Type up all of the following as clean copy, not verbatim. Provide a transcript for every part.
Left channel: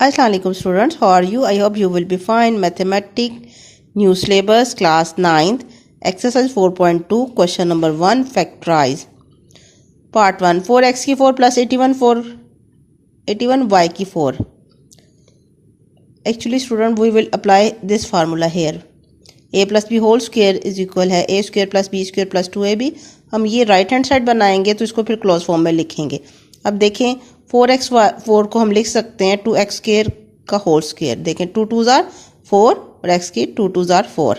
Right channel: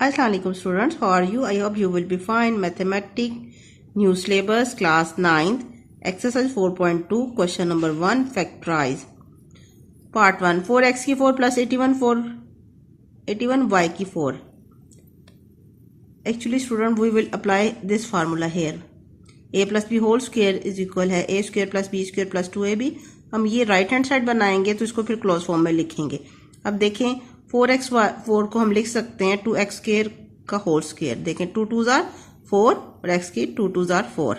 Assalamualaikum students, how are you? I hope you will be fine. Mathematics new syllabus class 9th exercise 4.2 question number 1 factorize part 1 4x की 4 plus 81 y की 4. Actually student we will apply this formula here. a plus b whole square is equal है a square plus b square plus 2ab. हम ये right hand side बनाएंगे तो इसको फिर close form में लिखेंगे. अब देखें 4 को हम लिख सकते हैं 2x स्क्वायर का होल स्क्वायर. देखें 2 2 जार 4 और x की 2 2 जार 4.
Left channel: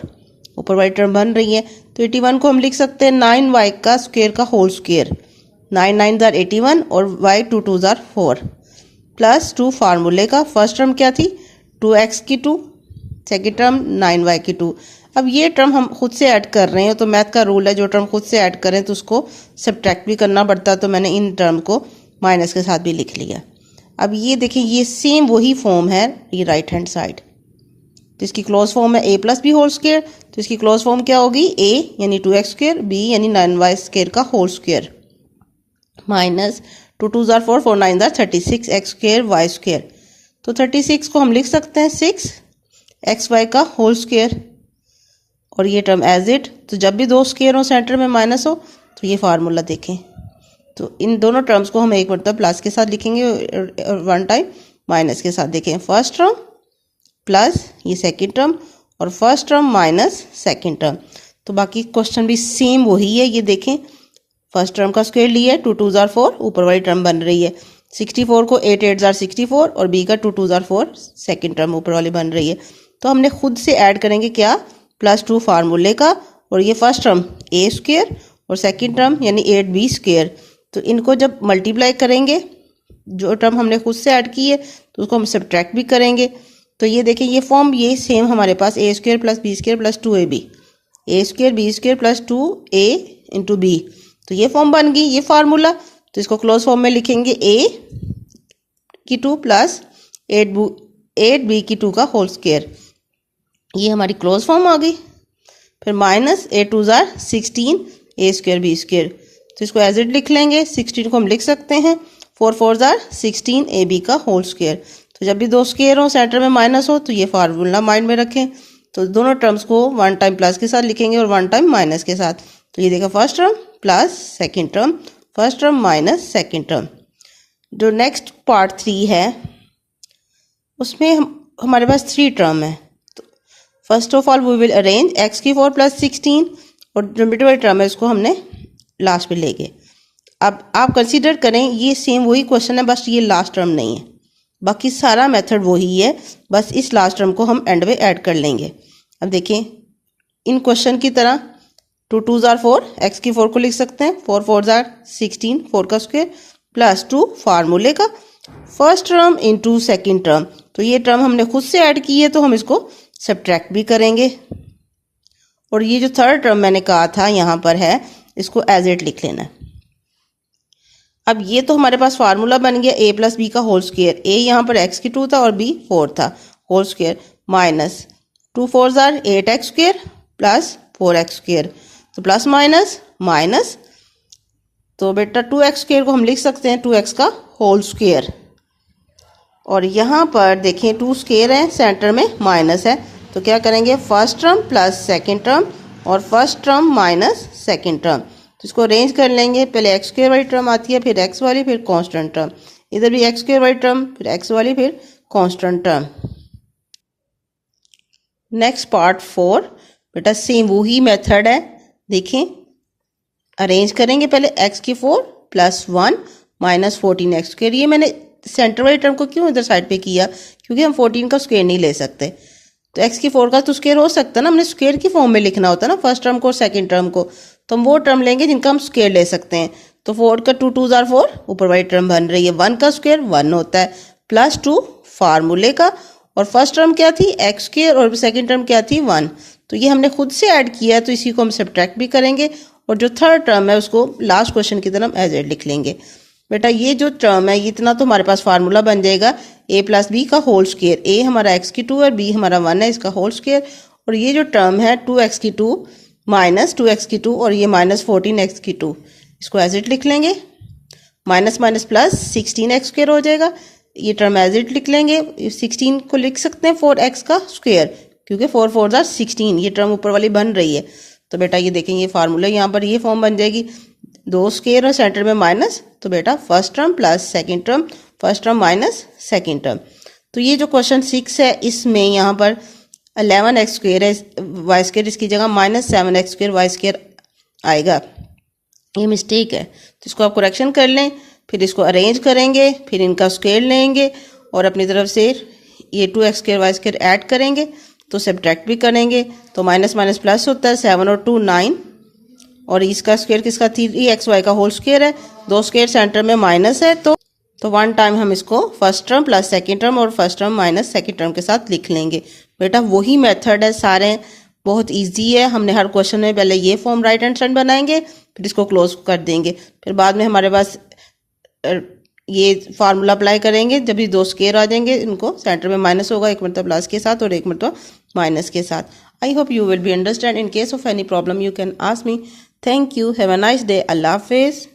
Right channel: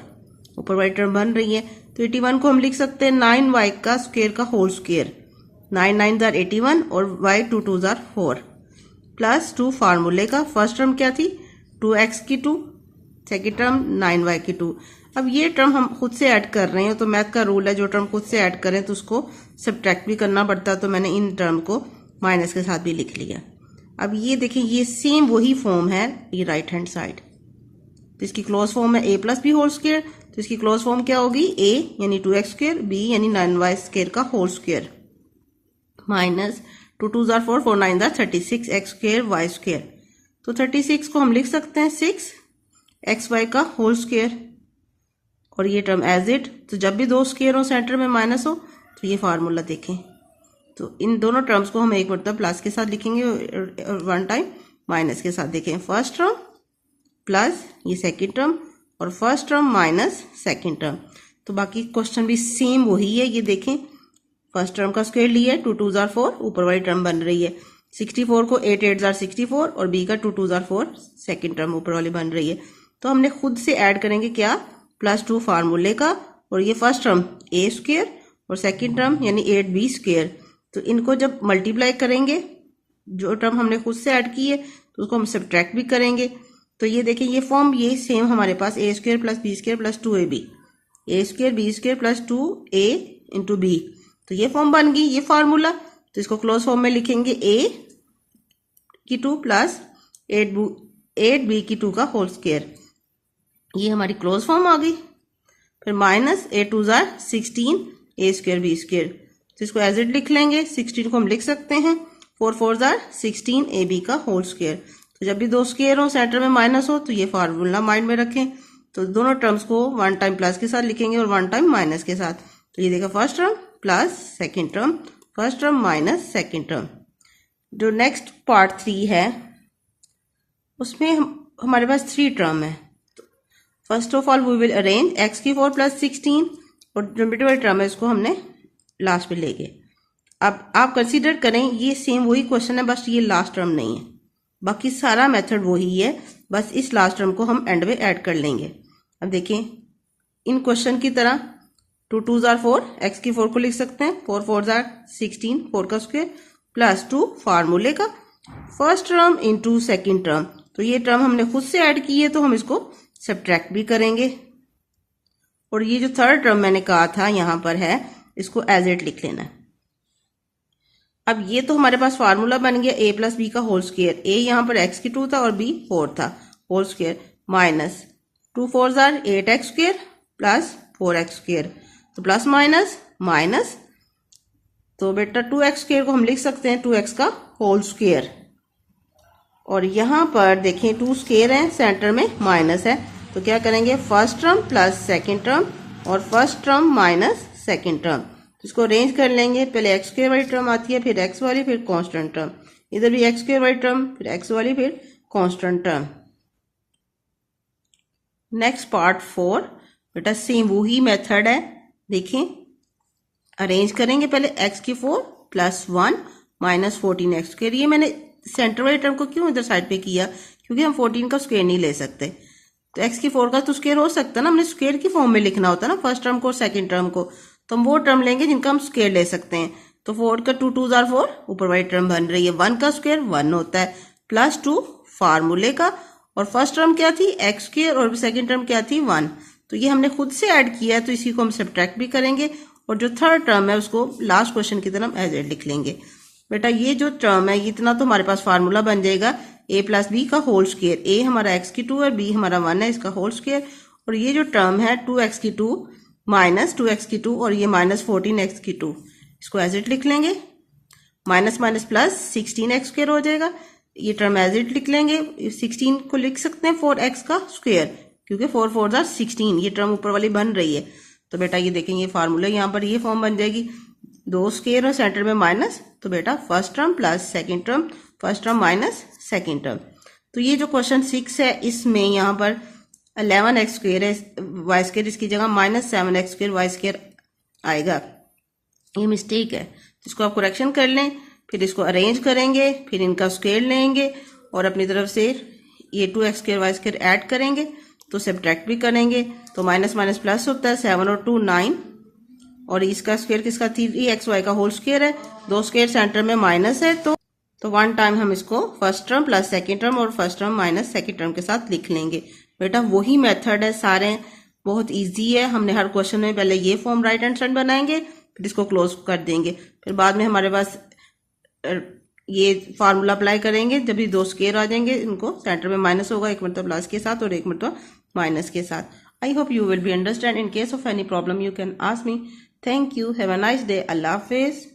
ऊपर वाली टर्म बन रही है तो 81 को हम लिख सकते हैं 9y का स्क्वायर का होल स्क्वायर. 9 9 जार 81 और y 2 2 जार 4 प्लस 2 फार्मूले का. फर्स्ट टर्म क्या थी 2x की 2, सेकेंड टर्म 9y की 2. अब ये टर्म हम खुद से ऐड कर रहे हैं तो मैथ का रूल है जो टर्म खुद से ऐड करें तो उसको सब्ट्रैक्ट भी करना पड़ता है. तो मैंने इन टर्म को माइनस के साथ भी लिख लिया. अब ये देखें ये सेम वही फॉर्म है ये राइट हैंड साइड. तो इसकी क्लोज फॉर्म है a plus B whole square. तो इसकी क्लोज फॉर्म क्या होगी a यानी 2x स्क्वायर b यानी 9y स्क्वायर का होल स्क्वायर माइनस 2 2 जार 4 4 9 जार 36 x स्क्वायर y स्क्वायर. तो 36 को हम लिख सकते हैं 6 xy का होल स्क्वायर और ये टर्म एज इट. तो जब भी दो स्क्वायर हो सेंटर में माइनस हो तो ये फार्मूला देखें. तो इन दोनों टर्म्स को हम एक मतलब प्लस के साथ लिखेंगे और वन टाइम माइनस के साथ. देखें फर्स्ट टर्म प्लस ये सेकंड टर्म और first term minus second term. तो बाकी क्वेश्चन भी सेम वही है. ये देखें फर्स्ट टर्म का स्क्वायर लिया है 2 2 जार 4 ऊपर वाली टर्म बन रही है. 64 को 8 8 जार 64 और b का 2 2 जार 4 सेकेंड टर्म ऊपर वाली बन रही है. तो हमने खुद से ऐड करेंगे क्या प्लस 2 फार्मूले का और ये फर्स्ट टर्म a स्क्वायर और सेकेंड टर्म यानी 8b स्क्वायर. तो इनको जब मल्टीप्लाई करेंगे जो टर्म हमने खुद से ऐड की है तो उसको हम सब्ट्रैक्ट भी करेंगे. तो ये देखें ये फॉर्म ये सेम हमारे पास a square plus b square plus 2ab a square b square plus 2a into b. तो ये फॉर्म बन गई ये फार्मूला. तो इसको क्लोज फॉर्म में लिखेंगे a की 2 प्लस 8b की 2 का होल स्क्वायर. ये हमारी क्लोज फॉर्म आ गई. फिर minus 8 2 jar 16 a square b square. तो इसको एज इट लिख लेंगे. 16 को हम लिख सकते हैं 4 4 जार 16 ab का होल स्क्वायर. तो जब भी दो स्क्वायर हो सेंटर में माइनस हो तो ये फार्मूला माइंड में रखें. तो दोनों टर्म्स को वन टाइम प्लस के साथ लिखेंगे और वन टाइम माइनस के साथ. तो ये देखा first term plus second term first term minus second term. जो नेक्स्ट पार्ट 3 है उसमें हमारे पास 3 टर्म है. तो first of all we will arrange x की 4 प्लस 16 और जो मिडिल वाली टर्म है उसको हमने लास्ट में ले गए. अब आप कंसीडर करें ये सेम वही क्वेश्चन है बस ये लास्ट टर्म नहीं है. बाकी सारा मेथड वही है बस इस लास्ट टर्म को हम एंड में ऐड कर लेंगे. अब देखें इन क्वेश्चन की तरह 2 2 जार 4 x की 4 को लिख सकते हैं 4 4 जार 16 4 का स्क्वायर प्लस 2 फार्मूले का first term into second term. तो ये टर्म हमने खुद से ऐड की है तो हम इसको सब्ट्रैक्ट भी करेंगे. और ये जो थर्ड टर्म मैंने कहा था यहाँ पर है इसको एज इट लिख लेना. अब ये तो हमारे पास फार्मूला बन गया a प्लस बी का होल स्क्वायर. a यहाँ पर x की 2 था और b 4 था होल स्क्वायर माइनस 2 4 जार 8x square plus 4x square. तो प्लस माइनस माइनस तो बेटा 2x स्क्वायर को हम लिख सकते हैं 2x का होल स्क्वायर. और यहाँ पर देखें 2 स्क्वायर है सेंटर में माइनस है तो क्या करेंगे first term plus second term और first term minus second term. तो इसको अरेंज कर लेंगे. पहले एक्स स्क्वायर वाली टर्म आती है फिर एक्स वाली फिर कांस्टेंट टर्म. इधर भी एक्स स्क्वायर वाली टर्म फिर एक्स वाली फिर कांस्टेंट टर्म. नेक्स्ट पार्ट 4 बेटा सेम वही मेथड है. देखें अरेंज करेंगे पहले एक्स की 4 प्लस 1 माइनस 14 एक्स स्क्वायर. ये मैंने सेंटर वाली टर्म को क्यों इधर साइड पे किया क्योंकि हम 14 का स्क्वायर नहीं ले सकते. तो एक्स की 4 का तो स्क्वायर हो सकता है ना. हमने स्क्वायर की फॉर्म में लिखना होता है ना फर्स्ट टर्म को और सेकंड टर्म को. तो हम वो टर्म लेंगे जिनका हम स्क्वायर ले सकते हैं. तो 4 का 2 2 जार 4 ऊपर वाली टर्म बन रही है 1 का स्क्वायर 1 होता है प्लस 2 फार्मूले का और फर्स्ट टर्म क्या थी एक्स स्क्वायर और सेकंड टर्म क्या थी 1. तो ये हमने खुद से ऐड किया है तो इसी को हम सब्ट्रैक्ट भी करेंगे. और जो थर्ड टर्म है उसको लास्ट क्वेश्चन की तरह एज एड लिख लेंगे. बेटा ये जो टर्म है इतना तो हमारे पास फार्मूला बन जाएगा a प्लस बी का होल स्क्वायर. a हमारा x की 2 है b हमारा 1 है इसका होल स्क्वायर. और ये जो टर्म है 2x की 2 माइनस 2x की 2 और ये माइनस 14x की 2 इसको एज इट लिख लेंगे. Minus minus plus 16x square हो जाएगा. ये टर्म एज इट लिख लेंगे। 16 को लिख सकते हैं 4x का स्क्वायर, क्योंकि 4 4 जार 16, ये टर्म ऊपर वाली बन रही है। तो बेटा ये देखेंगे फार्मूला यहाँ पर ये फॉर्म बन जाएगी, 2 स्क्वायर और सेंटर में माइनस, तो बेटा first term plus second term, first term minus second term. तो ये जो क्वेश्चन 6 है इसमें यहाँ पर 11x स्क्वायर है वाई स्क्वायर, इसकी जगह -7x स्क्वायर वाई स्क्वायर आएगा, ये मिस्टेक है। तो इसको आप करेक्शन कर लें, फिर इसको अरेंज करेंगे, फिर इनका स्क्वायर लेंगे और अपनी तरफ से ये 2x square Y square add करेंगे, तो सब्ट्रैक्ट भी करेंगे, तो माइनस माइनस प्लस होता है, 7 और 2 9, और इसका स्क्वायर किसका 3xy का होल स्क्वायर है, 2 स्क्वायर सेंटर में माइनस है, तो 1 टाइम हम इसको first term plus second term और first term minus second term के साथ लिख लेंगे। बेटा वही मेथड है, सारे बहुत इजी है। हमने हर क्वेश्चन में पहले ये फॉर्म राइट हैंड साइड बनाएंगे, फिर इसको क्लोज कर देंगे, फिर बाद में हमारे पास ये फार्मूला अप्लाई करेंगे, जब ये 2 स्क्वायर आ जाएंगे, इनको सेंटर में माइनस होगा, एक मतलब प्लस के साथ और एक मतलब माइनस के साथ। I hope you will be understand. In case of any problem you can ask me. Thank you, have a nice day, अल्लाह हाफिज़।